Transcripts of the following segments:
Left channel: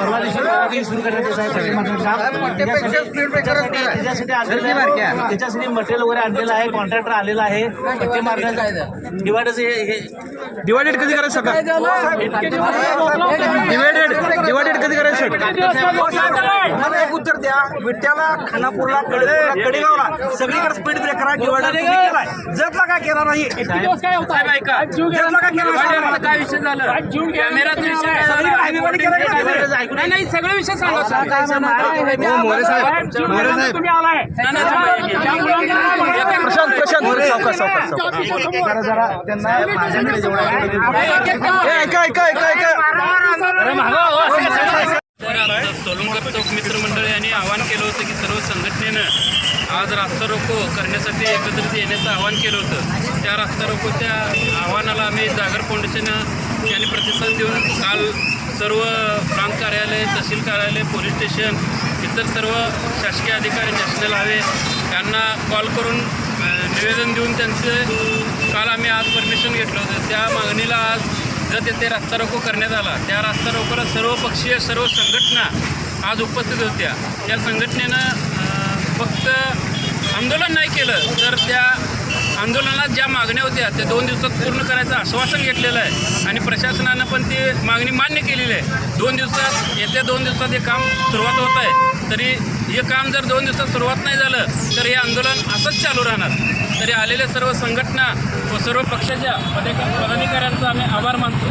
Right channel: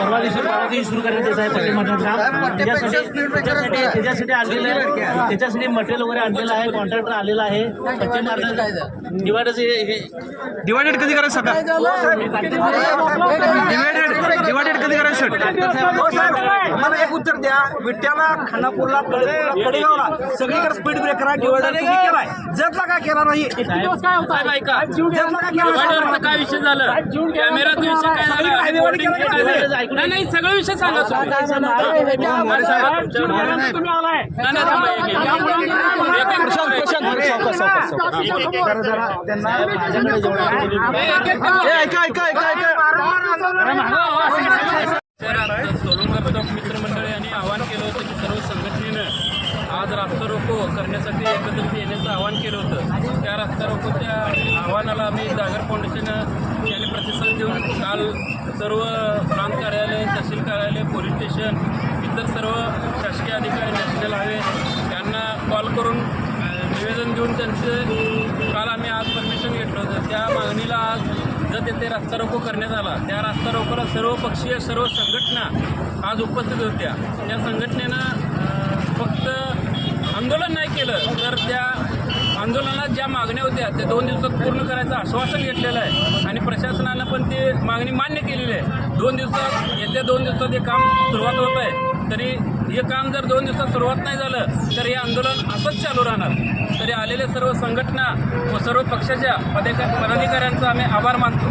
परवा दिवशी सुरू करण्यात येत आहे पाठीमागचं काम. त्याच्यासाठी आणलेलं आहे, त्याच्यासाठी मटेरियल वगैरे आणलेलं आहे, कॉन्ट्रॅक्टर आलेला आहे. पट्टी मारण्याचं डिवायडेड कधी करायचं सगळं डिवायडेड कधी करायचं सर? मला एक उत्तर द्या. विट्याला, खानापूरला, कडेगावला सगळीकडे स्पीड ब्रेकर डिवायडर तुम्ही केलाय. जतला काय केला नाही. जतला काय केला काय विषय झाला? कॅमेराचा विषय काय झाला? नाही सगळं विषय सांगा. सोलुंकर चौक मित्रमंडळ यांनी आवाहन केलं होतं की सर्व संघटनेनं आज रास्ता रोको करण्यासाठी एकत्रित येण्याचं आवाहन केलं होतं. त्या रास्ता रोकोच्या आव्हानाला आम्ही जागर फाउंडेशन यांनी प्रतिसाद देऊन काल सर्व प्रांत कार्यालय, तहसील कार्यालय, पोलीस स्टेशन, इतर सर्व शासकीय अधिकारी, नॅशनल हायवे यांना कॉल करून निवेदन देऊन त्यांचे काल आम्ही आज परमिशन घेतलं होतं. त्या मागणीला आज जर तेथे रास्ता रोको करण्यात आला. त्या रास्ता रोकोला सर्व पक्षीय, सर्व संघटना आज उपस्थित होत्या. त्या संघटनेनं फक्त आंदोलन नाही केलं तर त्या आंदोलनात ज्या मागण्या होत्या त्या 2 दिवसात पूर्ण करायचं आश्वासन घेतलेलं आहे आणि प्रशासनानं पण ती मागणी मान्य केलेली आहे. 2 दिवसात, येत्या 2 दिवसात हे काम सुरुवात होत आहे. तरी हे काम जर 2 दिवसात सुरुवात नाही झालं तर हे आंदोलन असंच चालू राहणार. तरी आलेल्या सर्व संघटना व सर्व पक्षाच्या पदाधिकाऱ्यांचा आम्ही आभार मानतो.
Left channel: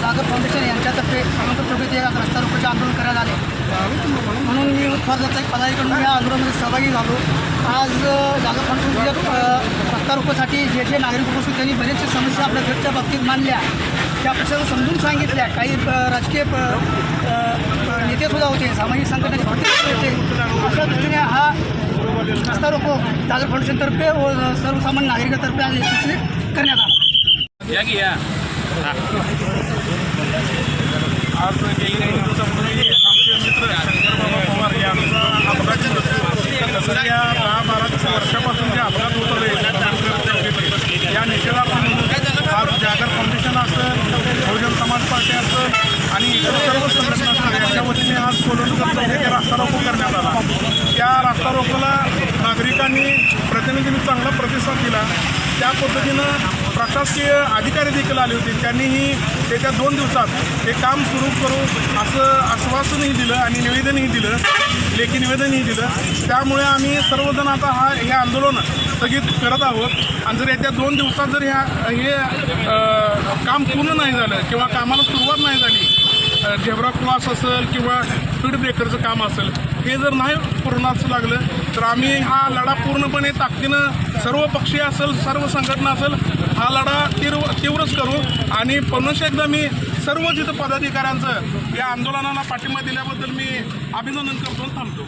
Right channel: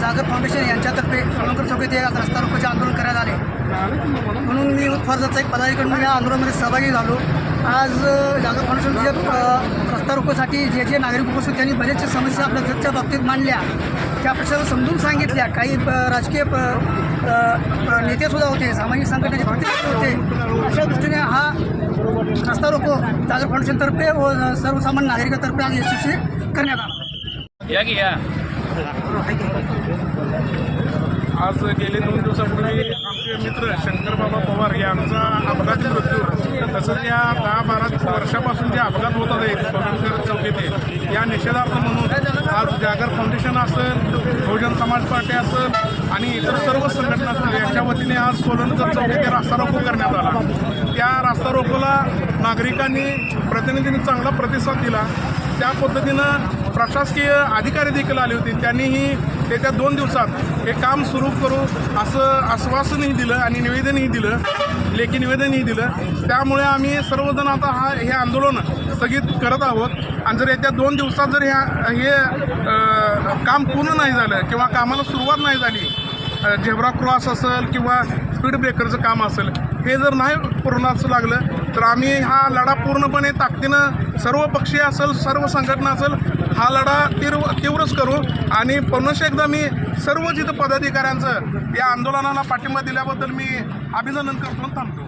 जागर फाउंडेशन यांच्यातर्फे सोलुंकर चौक येथे रस्ता रोकोचे आंदोलन करण्यात आले. म्हणून मी उत्फार्जाचा एक पदाधिकारी म्हणून या आंदोलनामध्ये सहभागी झालो. आज जागर फाउंडेशनच्या रस्ता रोकोसाठी जे नागरिक उपस्थित त्यांनी बरेचशा समस्या आपल्या घरच्या बाबतीत मांडल्या, त्या प्रश्नाला समजून सांगितल्या. काही राजकीय नेतेसुद्धा होते, सामाजिक संघटनेचे प्रतिनिधी होते. अशा दृष्टीने हा रस्ता रोको जागर फाउंडेशनतर्फे व सर्वसामान्य नागरिकांतर्फे आज यशस्वी करण्यात आला. आज गेले 2 दिवसापूर्वी आमचे मित्र शंकरबाबा पवार यांचा अपघाती मृत्यू, तसंच या 10-12 वर्षापासून जे अपघात होत आले सोलुंकर चौक येथे, या निषेधार्थ म्हणून आज जागर फाउंडेशन असेल, बहुजन समाज पार्टी असेल आणि इतर सर्व संघटना असतील यांच्या वतीने आज सोलुंकर चौक येथे रास्ता रोको करण्यात आला. त्या रास्ता रोकोला नागरिकांनी, प्रतिनिधींनी चांगला प्रतिसाद दिला. त्या पद्धतीनं प्रशासकीय अधिकारी देखील आले होते. त्यांनीही येत्या 2 दिवसात हे काम सुरू करू असं आश्वासनही दिलं आणि निवेदनही दिलं, लेखी निवेदनही दिलं. त्यामुळे आम्ही सर्वजण आता हे आंदोलन स्थगित करत आहोत. आणि जर येत्या 2 दिवसात जर हे काम पूर्ण नाही झालं किंवा कामाला सुरुवात नाही झाली, झेब्रा क्रॉस असेल किंवा स्पीड ब्रेकरचं काम असेल, हे जर नाही पूर्णास लागलं तर आम्ही हा लढा पूर्णपणे ताकदीनं सर्व पक्षीय असेल, सर्व संघटना असेल, हा लढा तीव्रच करू. आणि पुन्हा एकदा मी सर्व जिथं पदाधिकाऱ्यांचं या आंदोलनाला पाठिंबा दिल्याबद्दल मी अभिनंदन करतो, थांबतो.